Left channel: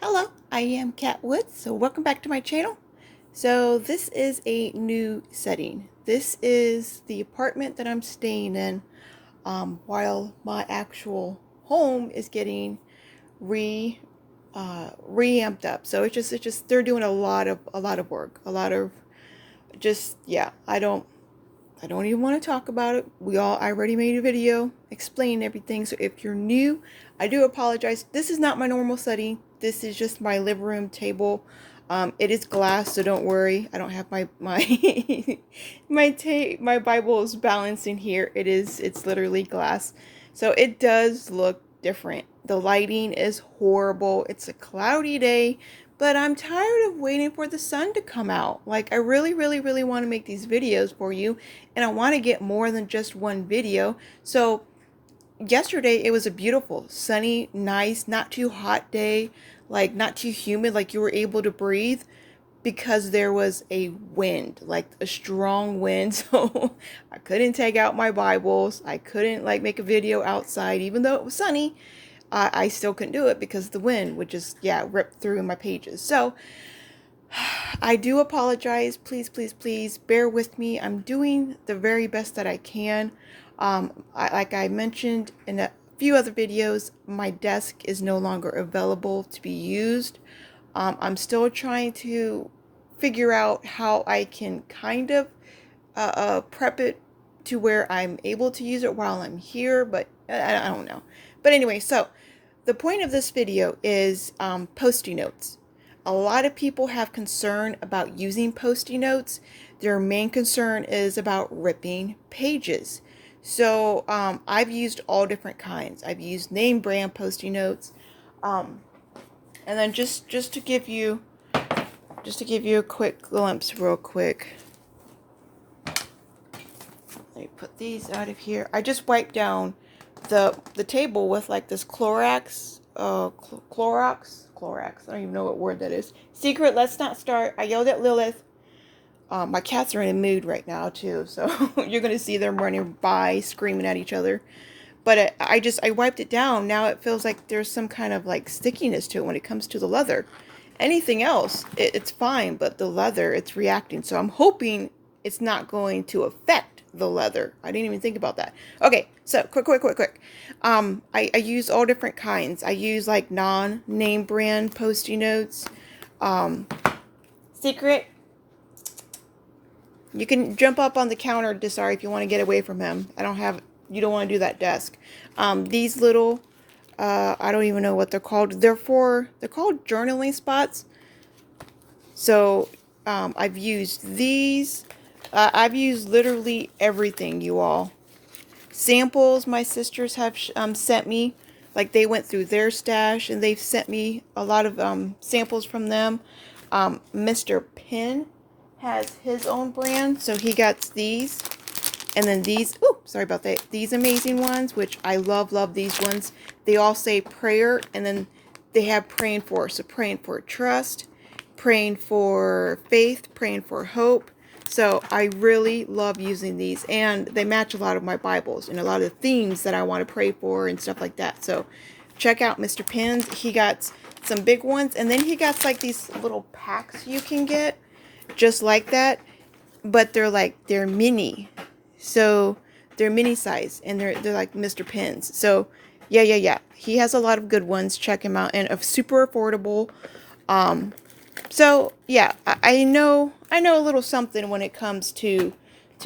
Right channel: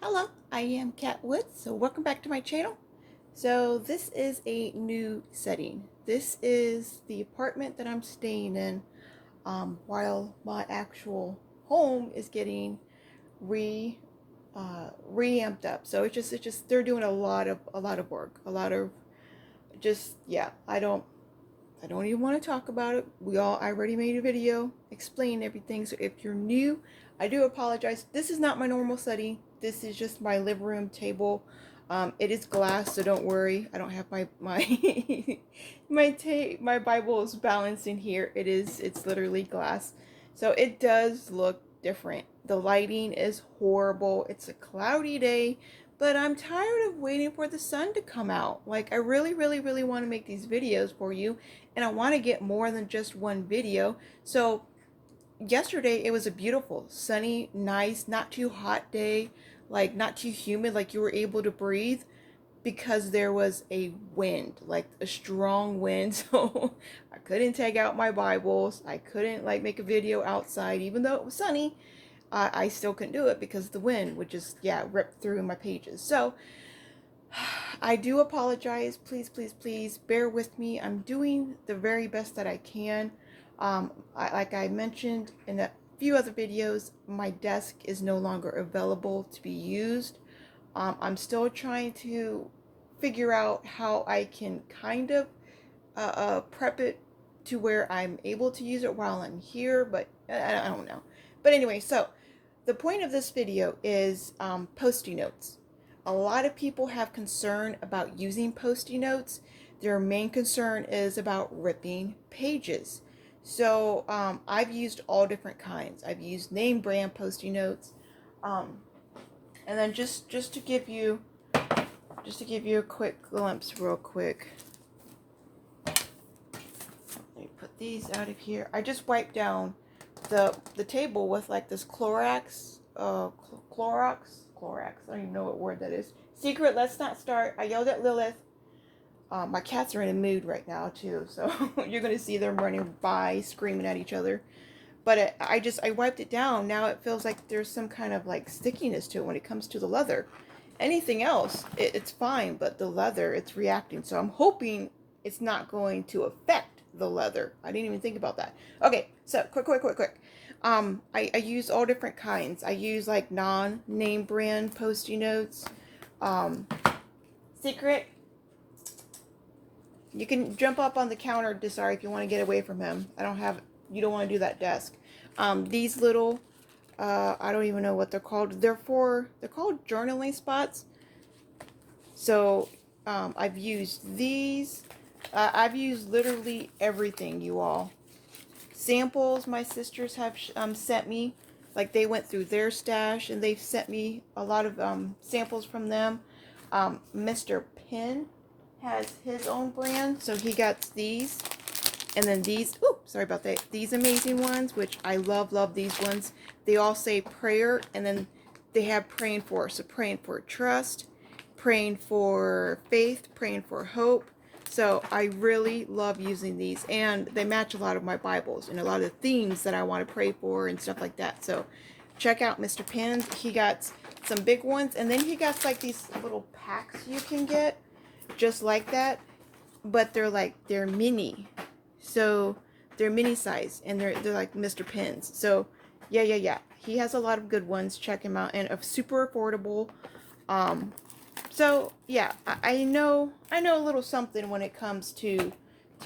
Hello, I am Kat Woods, so welcome back to my channel. So this is a new setting. This is the apartment that I'm staying in while my actual home is getting re reamped up. So it's just they're doing a lot of work, a lot of just yeah. I don't even want to talk about it. I already made a video explaining everything. So if you're new, I do apologize. This is not my normal setting. This is just my living room table. It is glass, so don't worry. I don't have my my Bible is balancing here. It's literally glass. So it does look different. The lighting is horrible. It's a cloudy day, but I'm tired of waiting for the sun to come out. Like I really, really, really want to make these videos for you, and I want to get more than just one video. So yesterday it was a beautiful, sunny, nice, not too hot day, like not too humid, like you were able to breathe because there was a wind, like a strong wind. So I couldn't take out my Bibles. I couldn't like make a video outside, even though it was sunny. I still couldn't do it because the wind would just, yeah, rip through my pages. So I do apologize. Please, please, please bear with me. I'm doing the very best that I can. Like I mentioned in a few other videos, my desk is no longer available to be used. I'm still trying to figure out how I can kind of prep it to where I'm able to use it while I'm here, but I don't know. But anyway, so the point of this video is post-it notes. A lot of people have concern about using post-it notes. Their main concern is about ripping pages. So I've used all different kinds. I've used name brand post-it notes. Um, and then just to give you a quick glimpse real quick. Let me put these out of here. I just wiped down the table with like this Clorox, Clorox. I don't even know what word that is. Secret, let's not start. I yelled at Lilith. My cats are in a mood right now too, so you're gonna see them running by, screaming at each other. But I wiped it down. Now it feels like there's some kind of like stickiness to it when it comes to the leather. Anything else, it's fine, but the leather, it's reacting. So I'm hoping it's not going to affect the leather. I didn't even think about that. Okay, so quick. I use all different kinds. I use like non-name brand post-it notes. Um, Secret, you can jump up on the counter, Desari, if you want to get away from him. You don't want to do that desk. These little, I don't even know what they're called. They're called journaling spots. So, I've used these. I've used literally everything, you all. Samples my sisters have sent me. Like they went through their stash and they've sent me a lot of samples from them. Mr. Penn has his own brand, so he got these. And then these, oh, sorry about that. These amazing ones, which I love these ones. They all say prayer, and then they have praying for. So praying for trust, praying for faith, praying for hope. So I really love using these, and they match a lot of my Bibles and a lot of the themes that I want to pray for and stuff like that. So check out Mr. Penn's. He got some big ones, and then he got like these little packs you can get just like that, but they're mini. So they're mini size, and they're like Mr. Penn's. So yeah. He has a lot of good ones. Check him out, and super affordable. So yeah, I know a little something when it comes to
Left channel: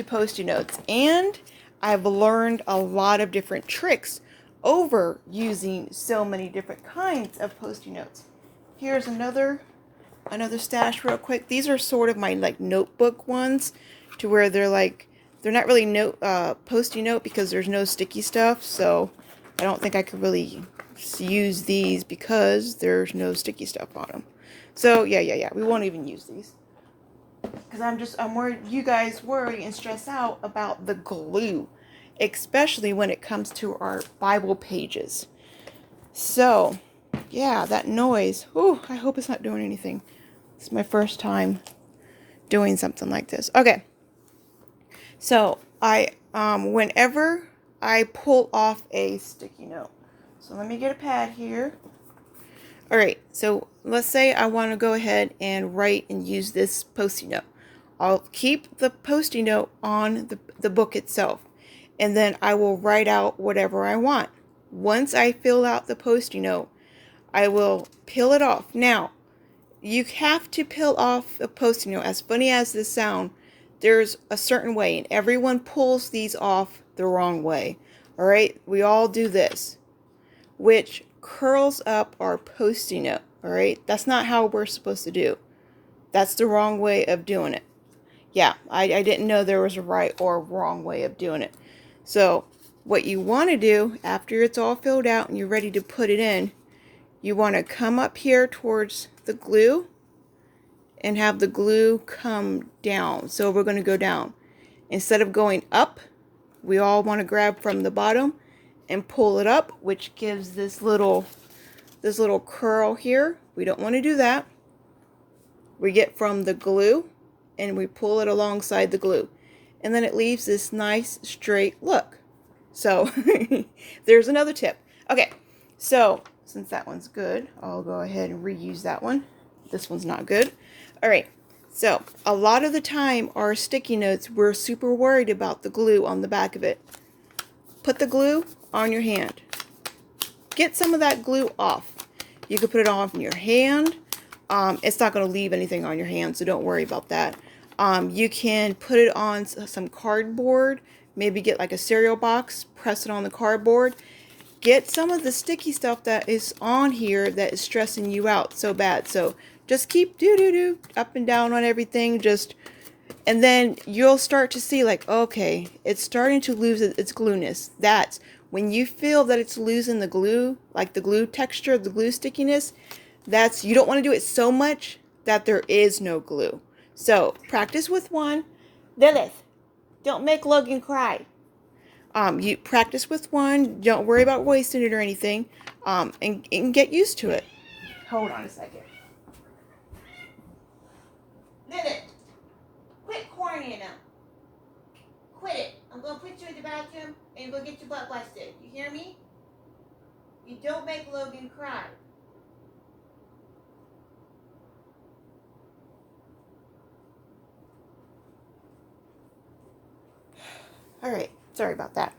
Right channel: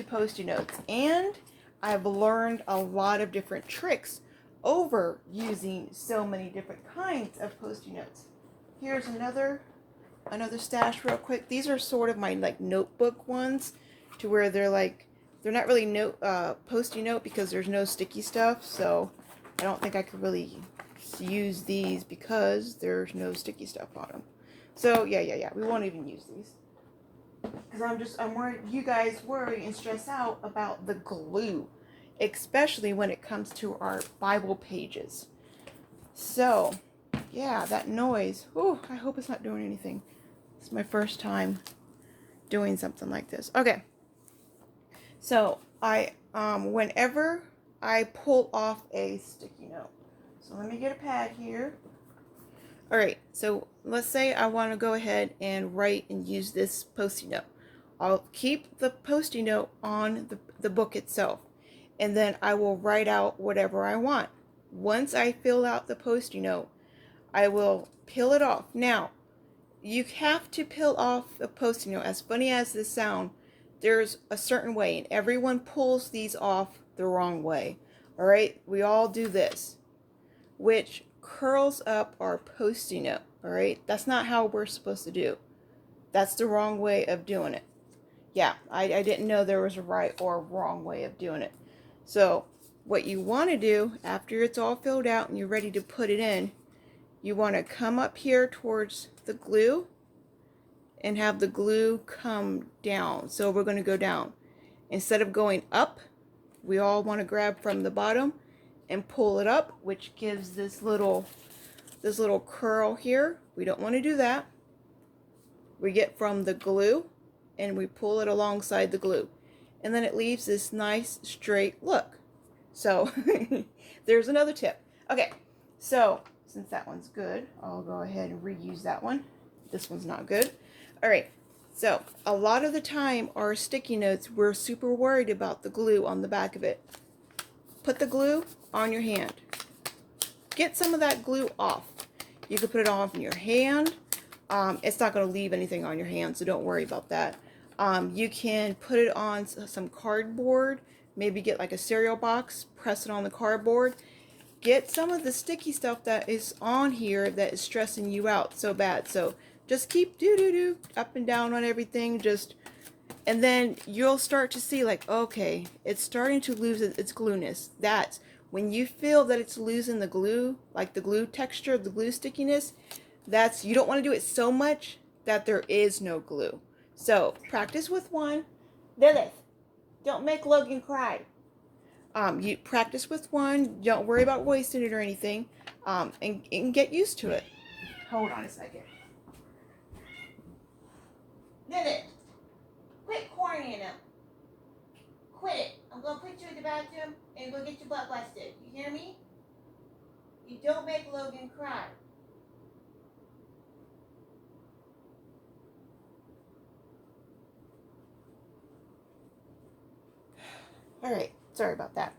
post-it notes, and I've learned a lot of different tricks over using so many different kinds of post-it notes. Here's another stash real quick. These are sort of my like notebook ones, to where they're not really post-it note because there's no sticky stuff. So I don't think I could really use these because there's no sticky stuff on them. So yeah. We won't even use these because I'm worried you guys worry and stress out about the glue, especially when it comes to our Bible pages. So yeah, that noise. Ooh, I hope it's not doing anything. It's my first time doing something like this. Okay. So whenever I pull off a sticky note. So let me get a pad here. All right, so let's say I want to go ahead and write and use this Post-it note. I'll keep the Post-it note on the book itself, and then I will write out whatever I want. Once I fill out the Post-it note, I will peel it off. Now, you have to peel off a Post-it note. As funny as this sounds, there's a certain way, and everyone pulls these off the wrong way. All right, we all do this, which curls up our Post-it note. All right, that's not how we're supposed to do. That's the wrong way of doing it. Yeah, I didn't know there was a right or wrong way of doing it. So what you want to do after it's all filled out and you're ready to put it in, you want to come up here towards the glue and have the glue come down. So we're going to go down. Instead of going up, we all want to grab from the bottom and pull it up, which gives this little curl here. We don't want to do that. We get from the glue and we pull it alongside the glue. And then it leaves this nice straight look. So there's another tip. Okay, so since that one's good, I'll go ahead and reuse that one. This one's not good. All right, so a lot of the time our sticky notes, we're super worried about the glue on the back of it. Put the glue on your hand. Get some of that glue off. You can put it on your hand. It's not going to leave anything on your hand, so don't worry about that. You can put it on some cardboard. Maybe get like a cereal box, press it on the cardboard. Get some of the sticky stuff that is on here that is stressing you out so bad. So just keep do up and down on everything. And then you'll start to see like, okay, it's starting to lose its glueness. That's when you feel that it's losing the glue, like the glue texture, the glue stickiness. That's, you don't want to do it so much that there is no glue. So practice with one. Lilith, don't make Logan cry. You practice with one. Don't worry about wasting it or anything. And get used to it. Hold on a second. Lilith, quit cornying him. Quit it. I'm going to put you in the bathroom and go get your butt busted. You hear me? You don't make Logan cry. All right, sorry about that.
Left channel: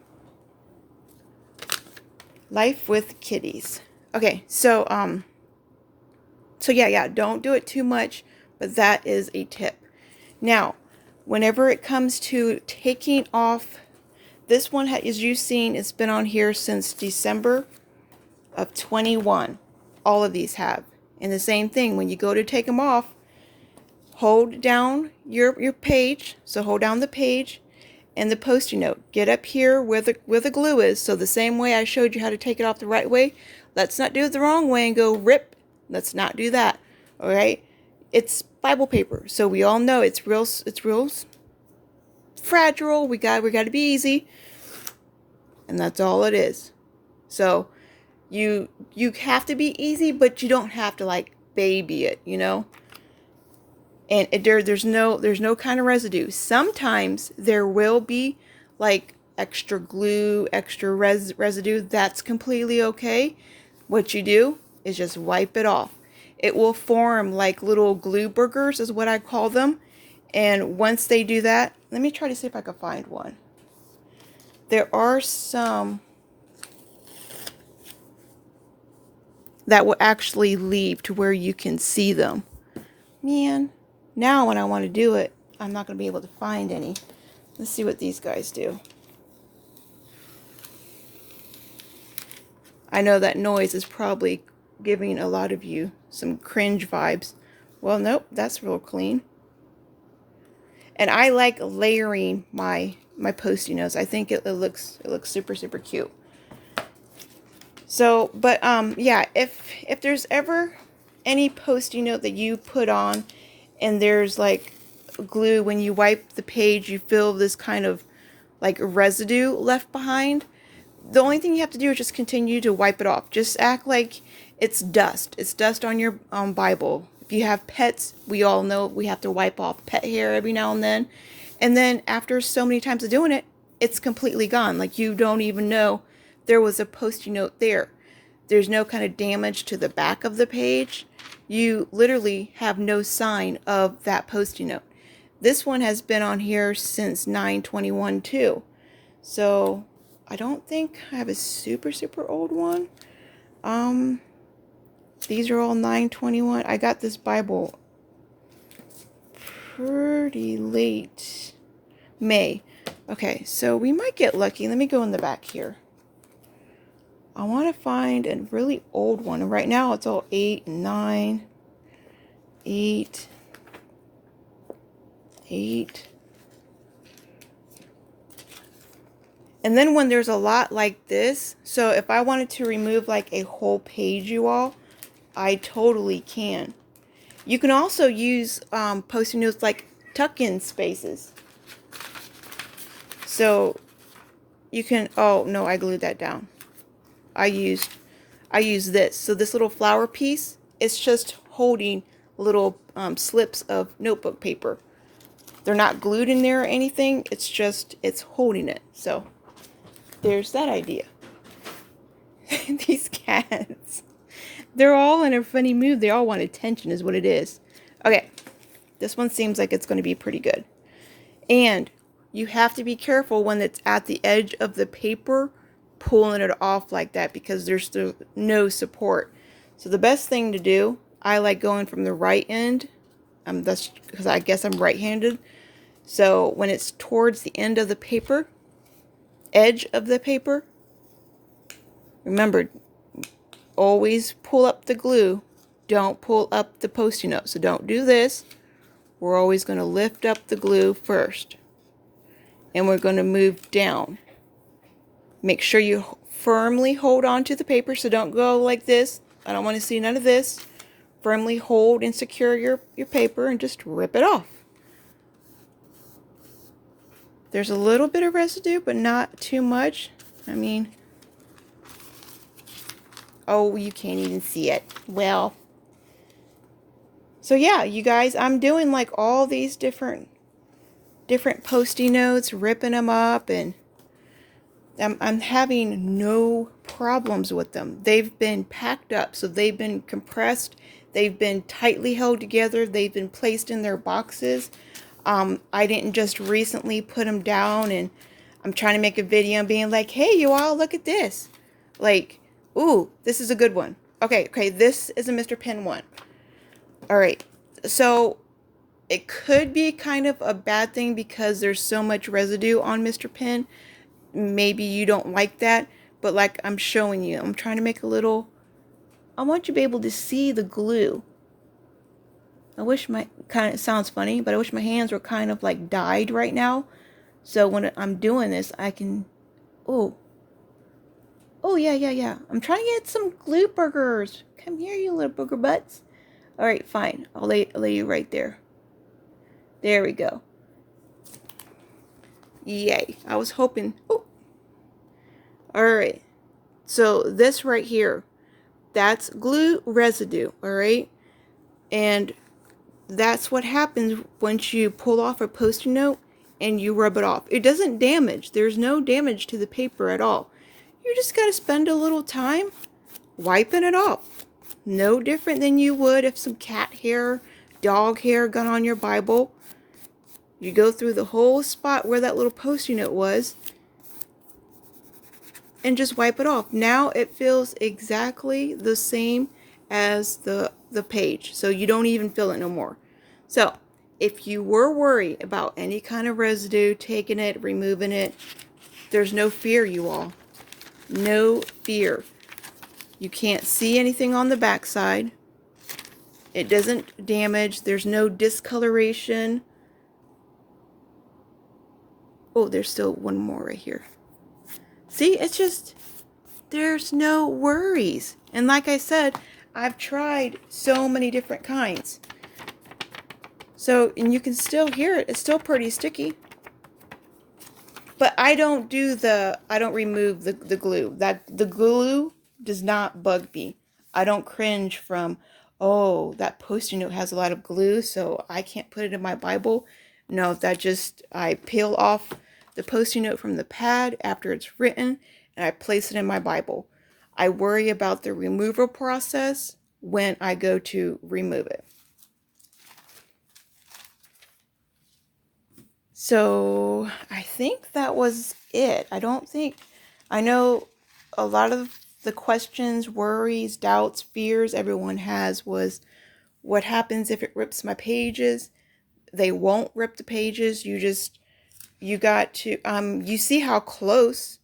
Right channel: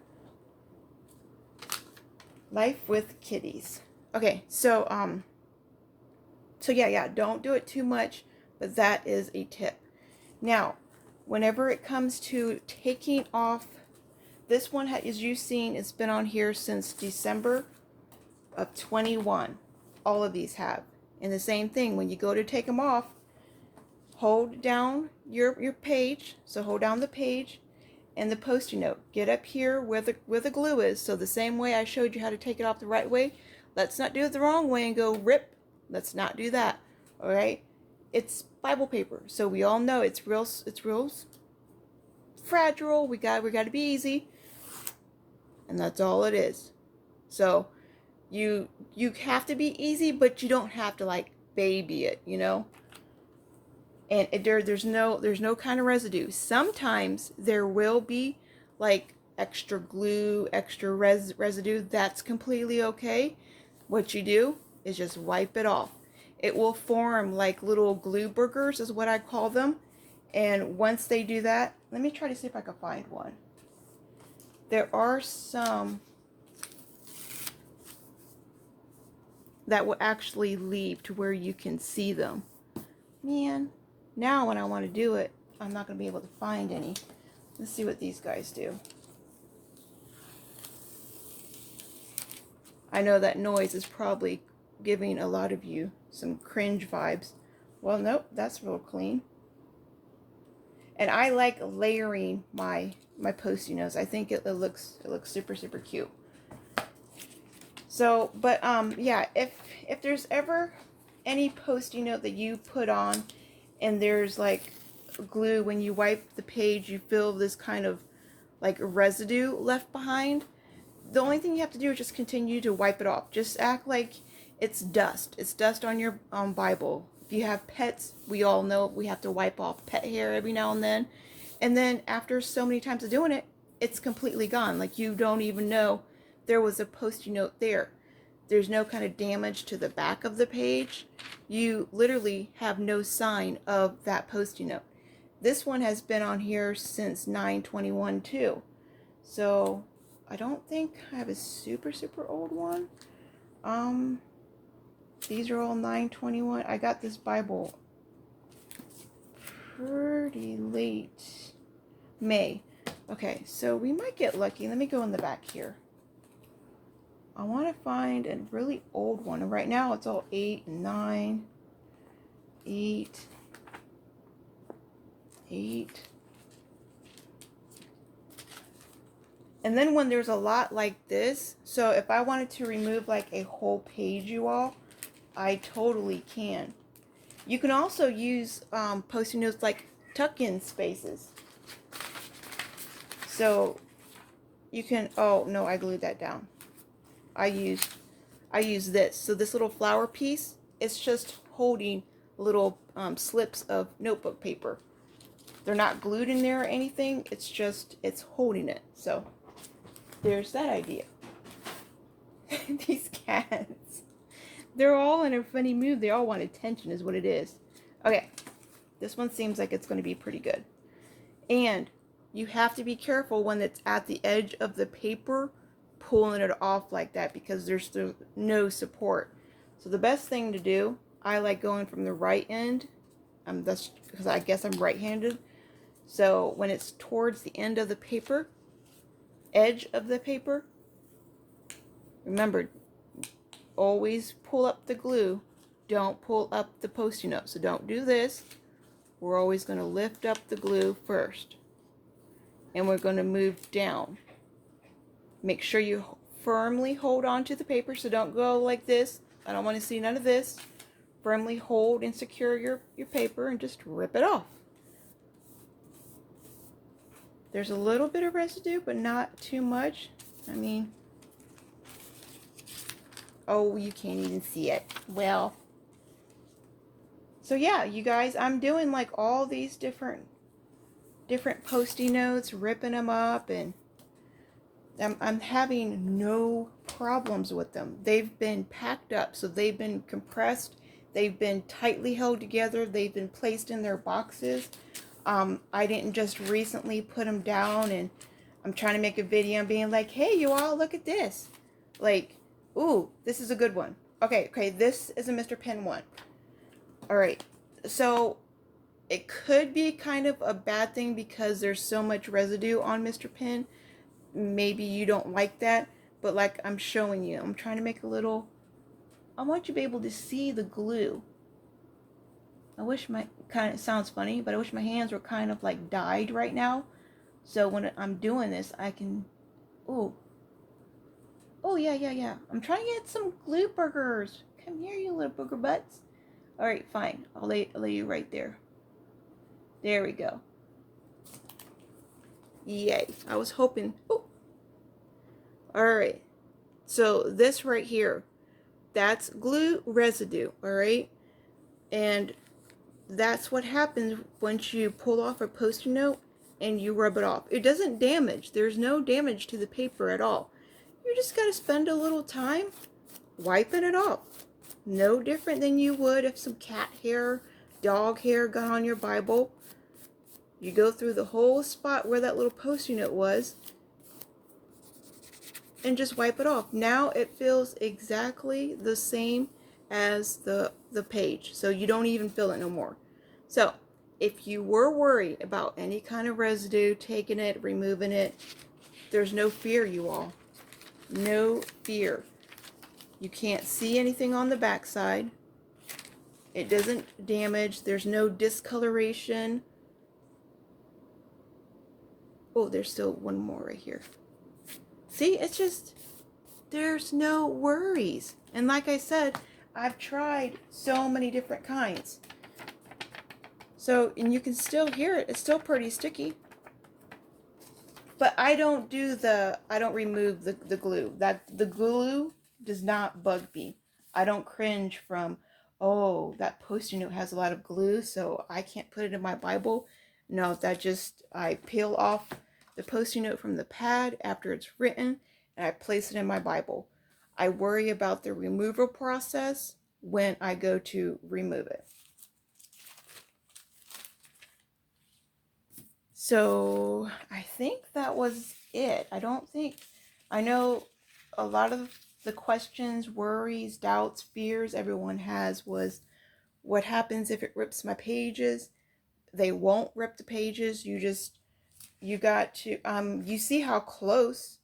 Life with kitties. Okay, so yeah, don't do it too much, but that is a tip. Now, whenever it comes to taking off, this one, as you've seen, it's been on here since December of 21. All of these have. And the same thing, when you go to take them off, hold down your page. So hold down the page and the Post-it note. Get up here where the glue is. So the same way I showed you how to take it off the right way, let's not do it the wrong way and go rip. Let's not do that. All right? It's Bible paper, so we all know it's real fragile. We got to be easy, and that's all it is. So you have to be easy, but you don't have to like baby it, you know. And there's no kind of residue. Sometimes there will be like extra glue, extra residue. That's completely okay. What you do is just wipe it off. It will form like little glue burgers is what I call them. And once they do that, let me try to see if I can find one. There are some that will actually leave to where you can see them. Man, now when I want to do it, I'm not going to be able to find any. Let's see what these guys do. I know that noise is probably giving a lot of you some cringe vibes. Well, nope, that's real clean. And I like layering my Post-it notes. I think it looks super cute. So, but yeah, if there's ever any Post-it note that you put on and there's like glue, when you wipe the page, you feel this kind of like residue left behind. The only thing you have to do is just continue to wipe it off. Just act like it's dust. It's dust on your Bible. If you have pets, we all know we have to wipe off pet hair every now and then. And then after so many times of doing it, it's completely gone. Like you don't even know there was a Post-it note there. there's no kind of damage to the back of the page. You literally have no sign of that Post-it note. This one has been on here since 9/21 too. So I don't think I have a super old one. These are all 9/21. I got this Bible pretty late May. Okay, so we might get lucky. Let me go in the back here. I want to find a really old one. Right now it's all 8 and 9. 8. 8. And then when there's a lot like this, so if I wanted to remove like a whole page, you all, I totally can. You can also use Post-it notes like tuck-in spaces. So you can, oh no, I glued that down. I use this. So this little flower piece, it's just holding little slips of notebook paper. They're not glued in there or anything. It's just, it's holding it. So there's that idea. These cats, they're all in a funny mood. They all want attention is what it is. Okay, this one seems like it's going to be pretty good. And you have to be careful when it's at the edge of the paper, pulling it off like that, because there's no support. So the best thing to do, I like going from the right end. That's because I guess I'm right-handed. So when it's towards the end of the paper, edge of the paper, remember, always pull up the glue. Don't pull up the Post-it note. So don't do this. We're always going to lift up the glue first. And we're going to move down. Make sure you firmly hold on to the paper, so don't go like this. I don't want to see none of this. Firmly hold and secure your paper and just rip it off. There's a little bit of residue, but not too much. I mean, oh, you can't even see it. Well, so yeah, you guys, I'm doing like all these different Post-it notes, ripping them up, and I'm having no problems with them. They've been packed up, so they've been compressed. They've been tightly held together. They've been placed in their boxes. I didn't just recently put them down, and I'm trying to make a video and being like, hey, you all, look at this. Like, ooh, this is a good one. Okay, this is a Mr. Pen one. All right, so it could be kind of a bad thing because there's so much residue on Mr. Pen. Maybe you don't like that, but like I'm showing you, I'm trying to make a little, I want you to be able to see the glue. I wish my, kind of sounds funny, but I wish my hands were kind of like dyed right now. So when I'm doing this, I can, oh yeah. I'm trying to get some glue burgers. Come here, you little booger butts. All right, fine. I'll lay you right there. There we go. Yay. I was hoping. Oh. All right. So this right here, that's glue residue. All right. And that's what happens once you pull off a Post-it note and you rub it off. It doesn't damage. There's no damage to the paper at all. You just got to spend a little time wiping it off. No different than you would if some cat hair, dog hair got on your Bible. You go through the whole spot where that little Post-it note was and just wipe it off. Now it feels exactly the same as the page, so you don't even feel it no more. So if you were worried about any kind of residue, taking it, removing it, there's no fear, you all. No fear. You can't see anything on the back side. It doesn't damage. There's no discoloration. Oh, there's still one more right here. See, it's just, there's no worries. And like I said, I've tried so many different kinds. So, and you can still hear it. It's still pretty sticky. But I don't remove the glue. The glue does not bug me. I don't cringe from, oh, that Post-it note has a lot of glue, so I can't put it in my Bible. No, I peel off the Post-it note from the pad after it's written, and I place it in my Bible. I worry about the removal process when I go to remove it. So I think that was it. I know a lot of the questions, worries, doubts, fears everyone has was what happens if it rips my pages? They won't rip the pages. You got to, you see how close.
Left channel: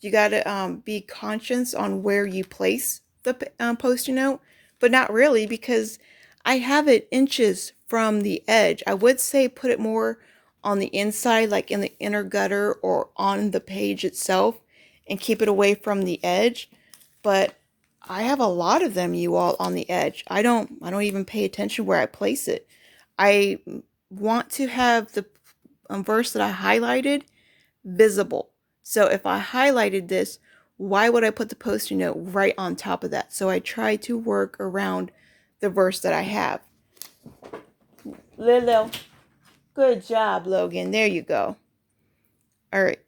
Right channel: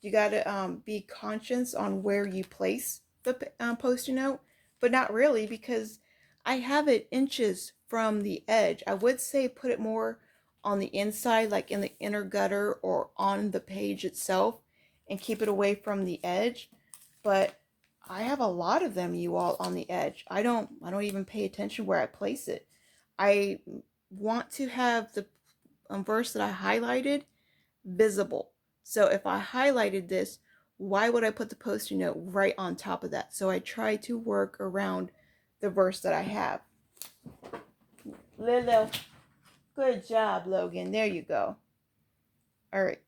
You got to be conscious on where you place the post-it note, but not really, because I have it inches from the edge. I would say put it more on the inside, like in the inner gutter or on the page itself, and keep it away from the edge. But I have a lot of them, you all, on the edge. I don't even pay attention where I place it. I want to have the verse that I highlighted visible. So if I highlighted this, why would I put the post-it note right on top of that? So I try to work around the verse that I have. Lilo, good job, Logan. There you go. All right.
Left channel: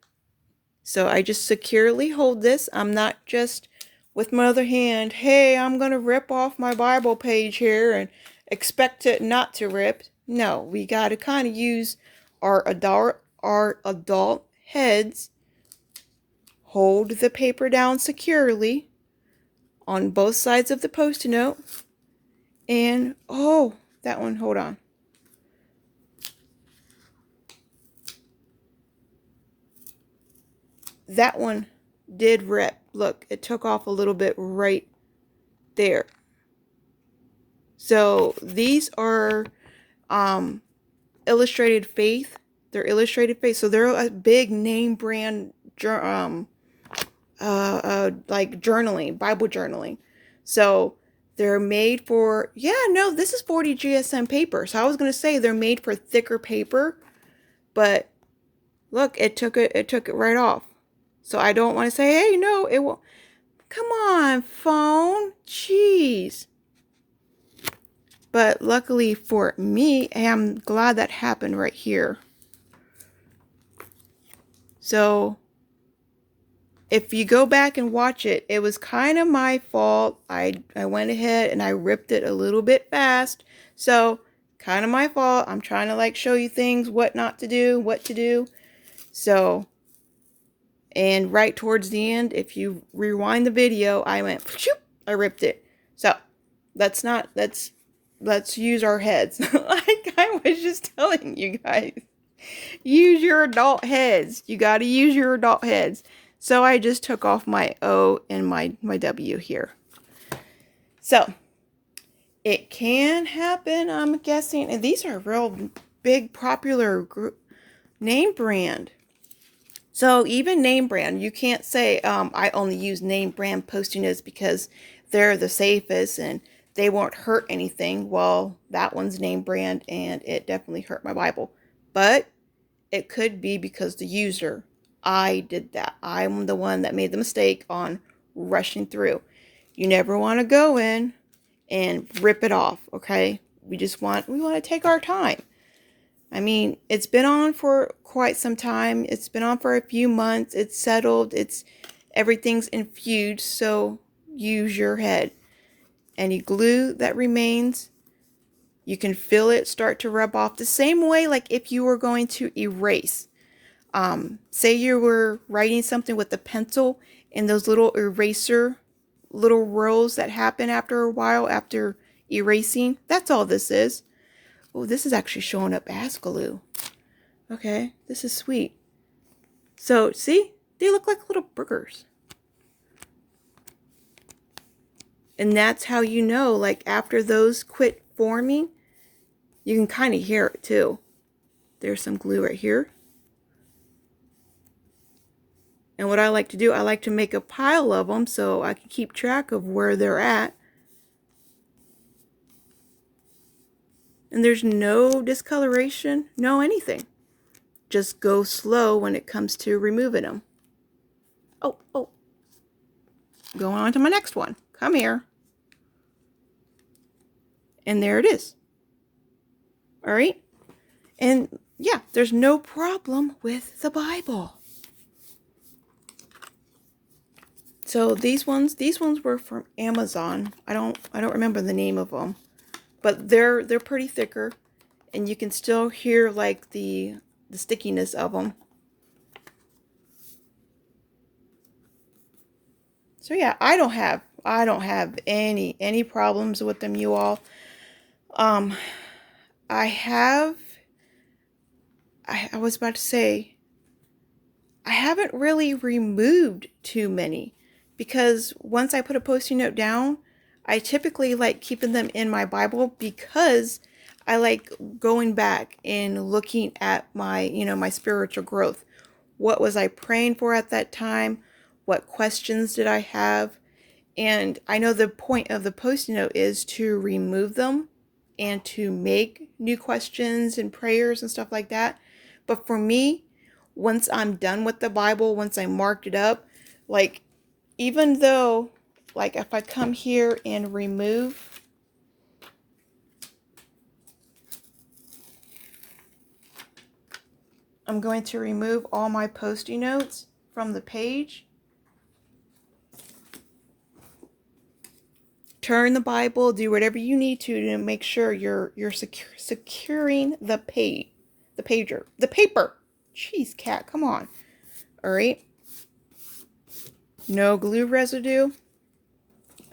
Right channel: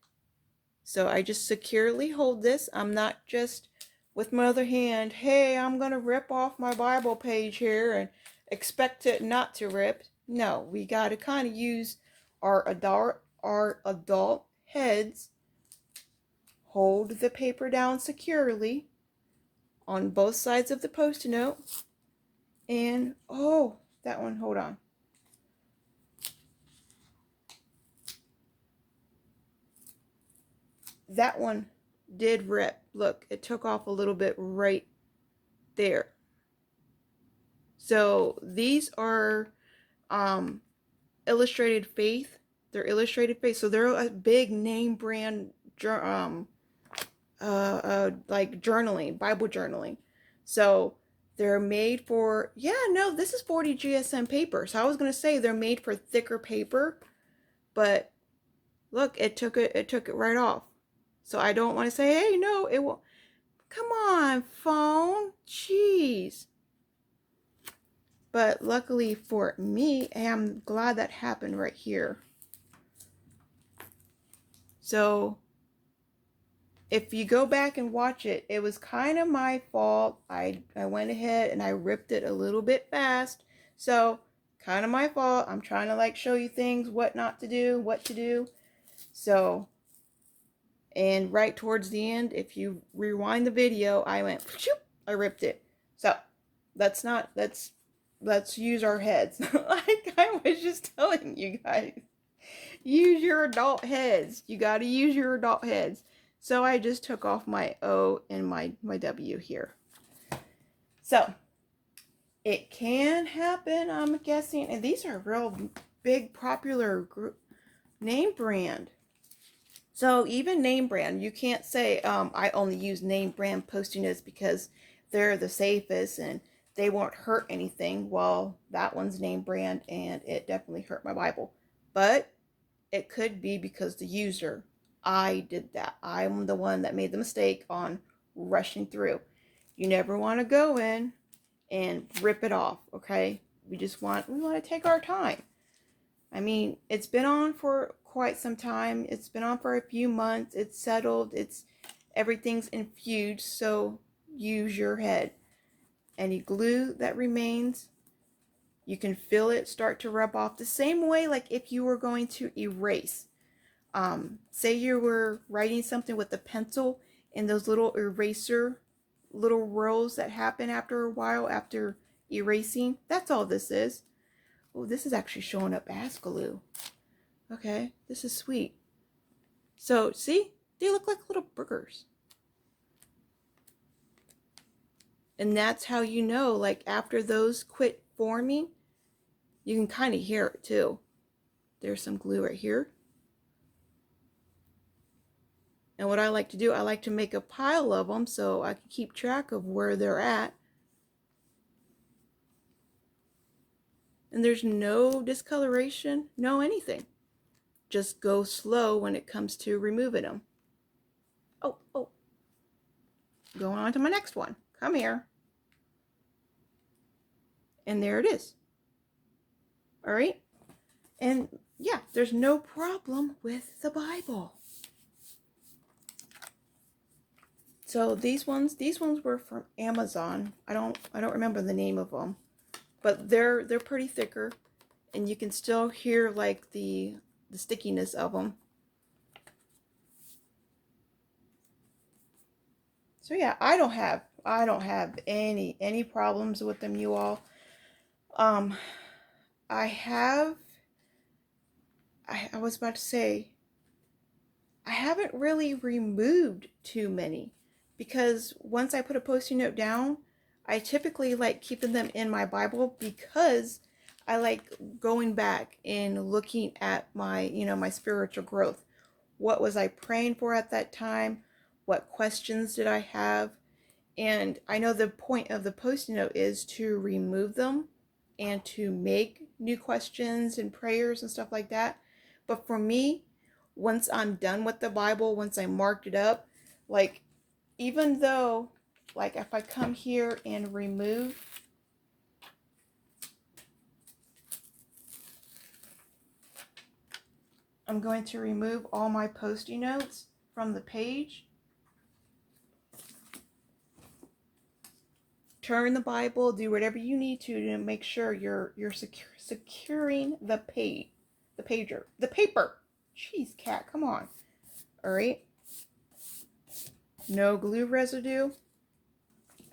So I just securely hold this. I'm not just with my other hand, hey, I'm going to rip off my Bible page here and expect it not to rip. No, we got to kind of use our adult heads. Hold the paper down securely on both sides of the post-it note. And, oh, that one, hold on. That one did rip. Look, it took off a little bit right there. So these are Illustrated Faith. They're Illustrated Faith. So they're a big name brand like journaling, Bible journaling. So they're made for, yeah, no, this is 40 GSM paper. So I was going to say they're made for thicker paper, but look, it took it right off. So I don't want to say, hey, no, it will. Come on, phone. Jeez. But luckily for me, I'm glad that happened right here. So if you go back and watch it, it was kind of my fault. I went ahead and I ripped it a little bit fast. So kind of my fault. I'm trying to like show you things, what not to do, what to do. So, and right towards the end, if you rewind the video, I went, I ripped it. So let's use our heads. Like I was just telling you guys, use your adult heads. You got to use your adult heads. So I just took off my O and my W here. So it can happen, I'm guessing. And these are real big popular name brand. So even name brand, you can't say I only use name brand Post-it notes because they're the safest and they won't hurt anything. Well, that one's name brand and it definitely hurt my Bible. But it could be because the user, I did that. I'm the one that made the mistake on rushing through. You never want to go in and rip it off, okay? We want to take our time. I mean, it's been on for quite some time. It's been on for a few months. It's settled. Everything's infused, so use your head. Any glue that remains, you can feel it start to rub off the same way like if you were going to erase. Say you were writing something with a pencil and those little eraser, little rolls that happen after a while after erasing. That's all this is. Oh, this is actually showing up as glue. Okay, this is sweet. So, see? They look like little burgers. And that's how you know, like after those quit forming, you can kind of hear it too. There's some glue right here. And what I like to do, I like to make a pile of them so I can keep track of where they're at. And there's no discoloration, no anything. Just go slow when it comes to removing them. Oh. Going on to my next one. Come here. And there it is. All right. And yeah, there's no problem with the Bible. So these ones were from Amazon. I don't remember the name of them, but they're pretty thicker, and you can still hear like the stickiness of them. So yeah, I don't have any problems with them, you all. Um, I have I was about to say I haven't really removed too many because once I put a post-it note down, I typically like keeping them in my Bible because I like going back and looking at my, my spiritual growth. What was I praying for at that time? What questions did I have? And I know the point of the post-it note is to remove them and to make new questions and prayers and stuff like that. But for me, once I'm done with the Bible, once I marked it up, like even though, like if I come here and remove, I'm going to remove all my post-it notes from the page. Turn the Bible, do whatever you need to make sure you're securing the the paper. Jeez, cat, come on. All right. No glue residue.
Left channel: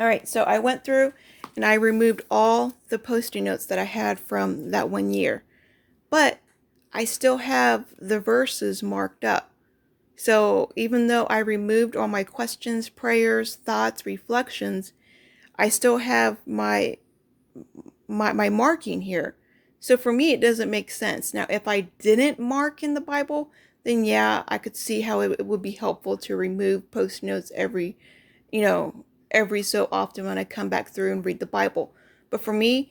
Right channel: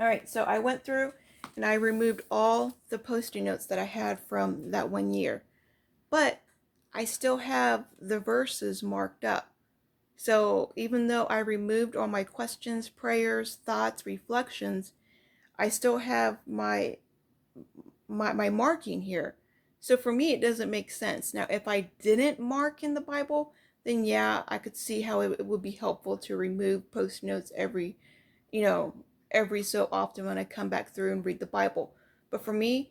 All right, so I went through and I removed all the post-it notes that I had from that one year. But I still have the verses marked up. So even though I removed all my questions, prayers, thoughts, reflections, I still have my marking here. So for me, it doesn't make sense. Now, if I didn't mark in the Bible, then yeah, I could see how it would be helpful to remove post notes you know, every so often when I come back through and read the Bible. But for me,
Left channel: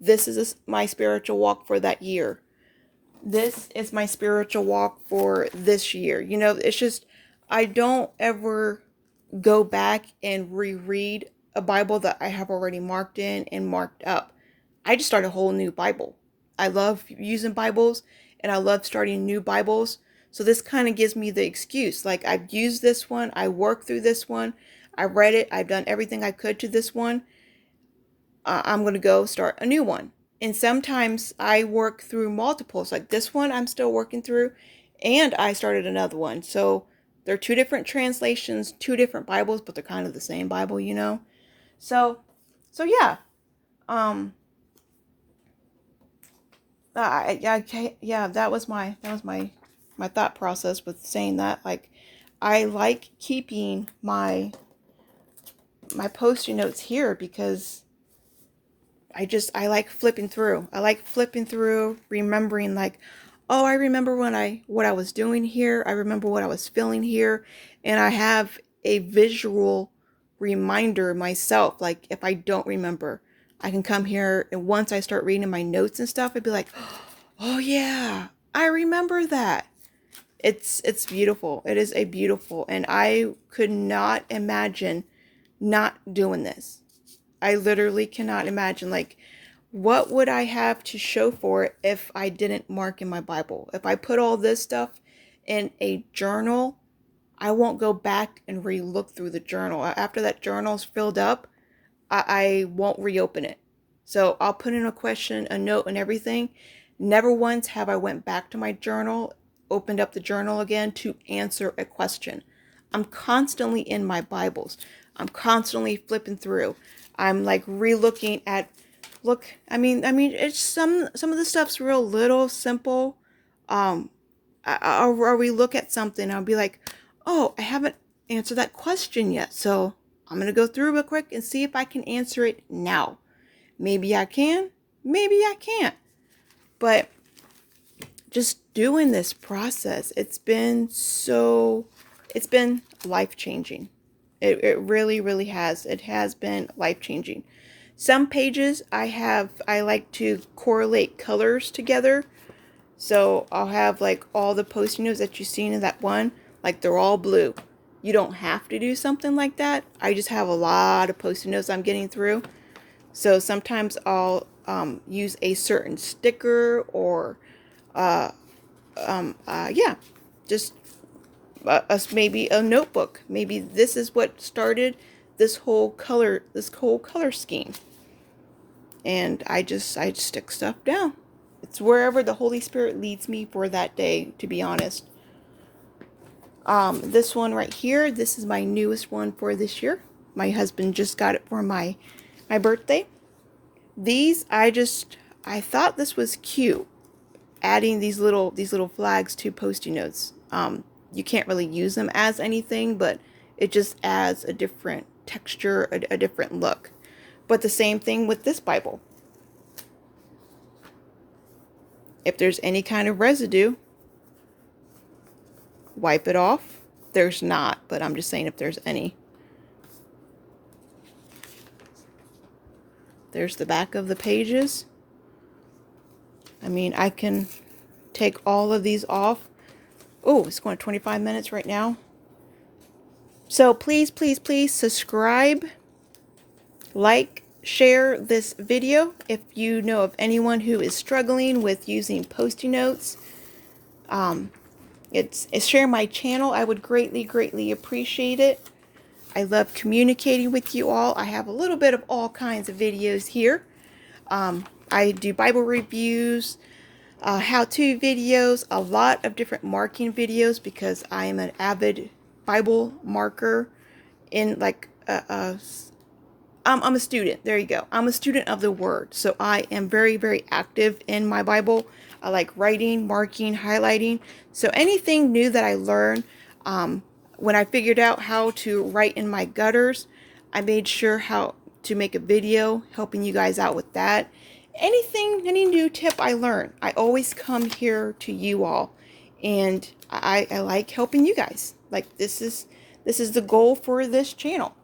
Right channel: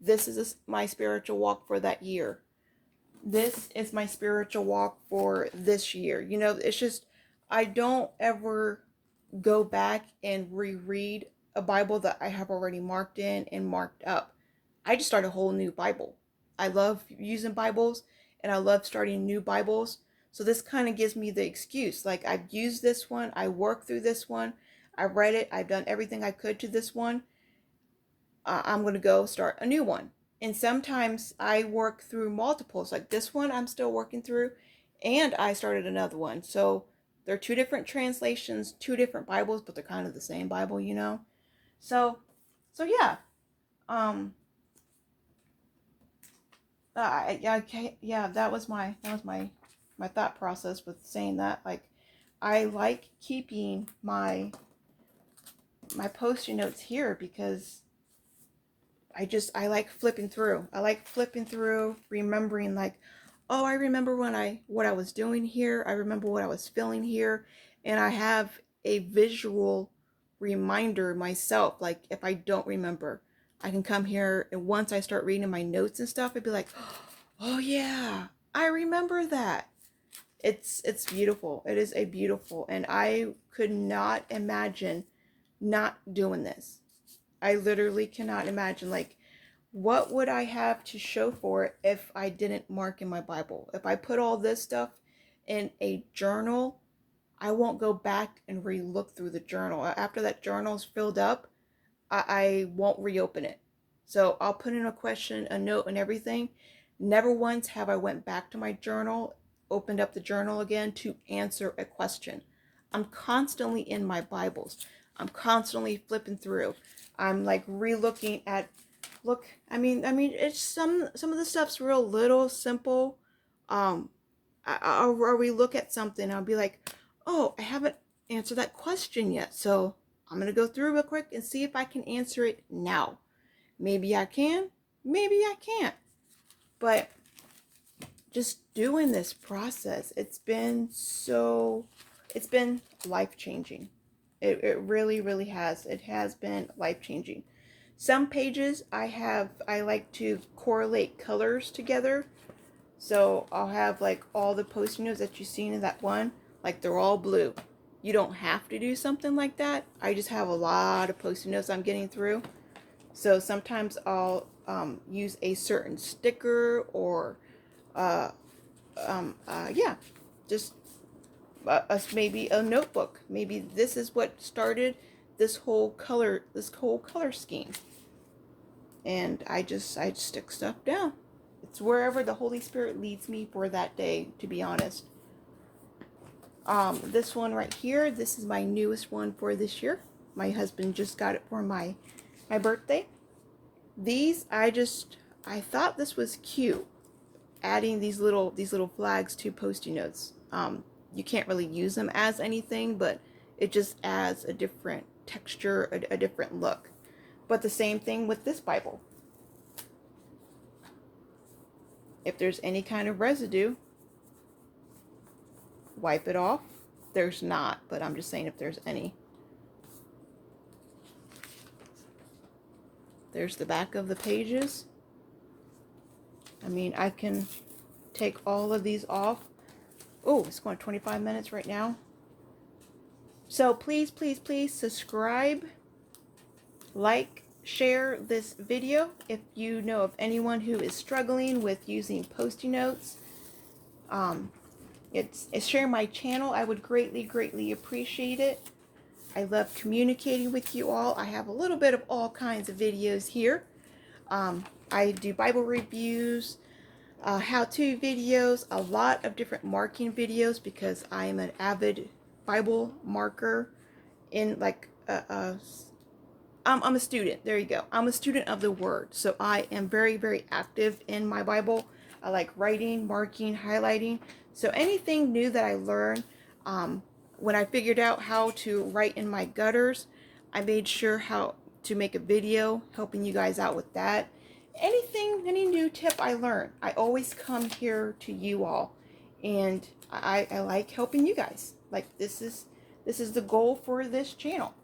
this is my spiritual walk for that year. This is my spiritual walk for this year. It's just, I don't ever go back and reread a Bible that I have already marked in and marked up. I just start a whole new Bible. I love using Bibles and I love starting new Bibles. So this kind of gives me the excuse. Like I've used this one, I worked through this one, I read it, I've done everything I could to this one. I'm going to go start a new one. And sometimes I work through multiples. Like this one I'm still working through and I started another one. So they're two different translations, two different Bibles, but they're kind of the same Bible. So yeah. Um yeah, that was my thought process with saying that. Like I like keeping my post-it notes here because I like flipping through. I like flipping through, remembering like, oh, I remember what I was doing here. I remember what I was feeling here, and I have a visual reminder myself. Like if I don't remember, I can come here and once I start reading my notes and stuff, I'd be like, oh yeah, I remember that. It's beautiful. It is a beautiful, and I could not imagine not doing this. I literally cannot imagine, like, what would I have to show for it if I didn't mark in my Bible? If I put all this stuff in a journal, I won't go back and re-look through the journal. After that journal's filled up, I won't reopen it. So I'll put in a question, a note, and everything. Never once have I went back to my journal, opened up the journal again to answer a question. I'm constantly in my Bibles. I'm constantly flipping through. I'm like re-looking at. Look, it's some of the stuff's real little simple. Um, or we look at something, I'll be like, oh, I haven't answered that question yet, so I'm gonna go through real quick and see if I can answer it now. Maybe I can, maybe I can't. But just doing this process, it's been life changing. It really, really has. It has been life changing. Some pages I like to correlate colors together. So I'll have like all the post-it notes that you've seen in that one, like they're all blue. You don't have to do something like that. I just have a lot of post-it notes I'm getting through. So sometimes I'll use a certain sticker or, yeah, just maybe a notebook. Maybe this is what started this whole color scheme. And I just stick stuff down. It's wherever the Holy Spirit leads me for that day, to be honest. This one right here, this is my newest one for this year. My husband just got it for my birthday. These, I thought this was cute, adding these little flags to Post-it notes. You can't really use them as anything, but it just adds a different texture, a different look. But the same thing with this Bible. If there's any kind of residue, wipe it off. There's not, but I'm just saying if there's any. There's the back of the pages. I mean, I can take all of these off. Oh, it's going 25 minutes right now. So please, please, please subscribe, like, share this video if you know of anyone who is struggling with using Post-it notes. It's share my channel. I would greatly appreciate it. I love communicating with you all. I have a little bit of all kinds of videos here. I do Bible reviews, how-to videos, a lot of different marking videos because I am an avid Bible marker in like I'm a student. There you go. I'm a student of the Word. So I am very active in my Bible. I like writing, marking, highlighting. So anything new that I learn, when I figured out how to write in my gutters, I made sure how to make a video helping you guys out with that. Any new tip I learn, I always come here to you all. And I like helping you guys. Like this is the goal for this channel.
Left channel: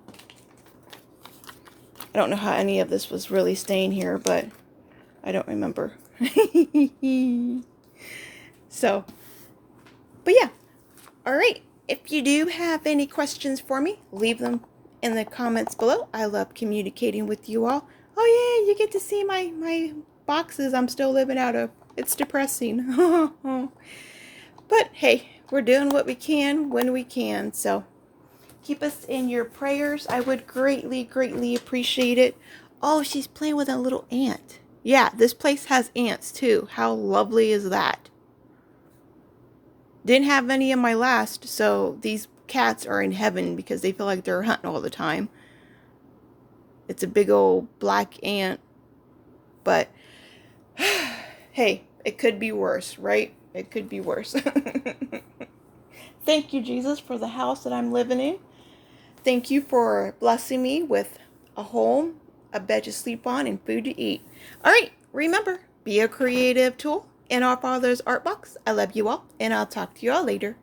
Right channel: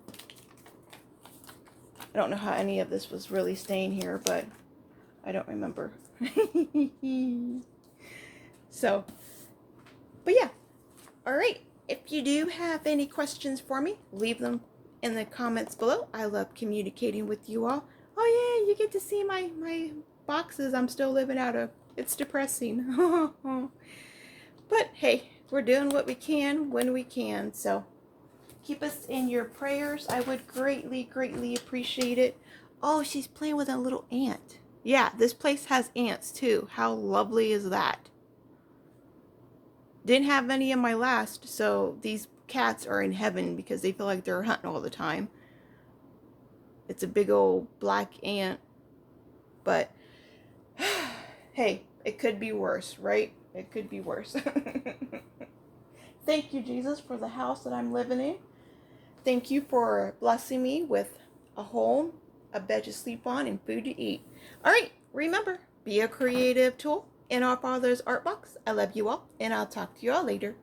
I don't know how any of this was really staying here, but I don't remember. So, but yeah. All right. If you do have any questions for me, leave them in the comments below. I love communicating with you all. Oh yeah, you get to see my boxes I'm still living out of. It's depressing. But hey, we're doing what we can when we can. So keep us in your prayers. I would greatly appreciate it. Oh, she's playing with a little ant. Yeah, this place has ants too. How lovely is that? Didn't have any in my last, so these cats are in heaven because they feel like they're hunting all the time. It's a big old black ant. But hey, it could be worse, right? It could be worse. Thank you, Jesus, for the house that I'm living in. Thank you for blessing me with a home, a bed to sleep on, and food to eat. All right, remember, be a creative tool in our Father's art box. I love you all, and I'll talk to you all later.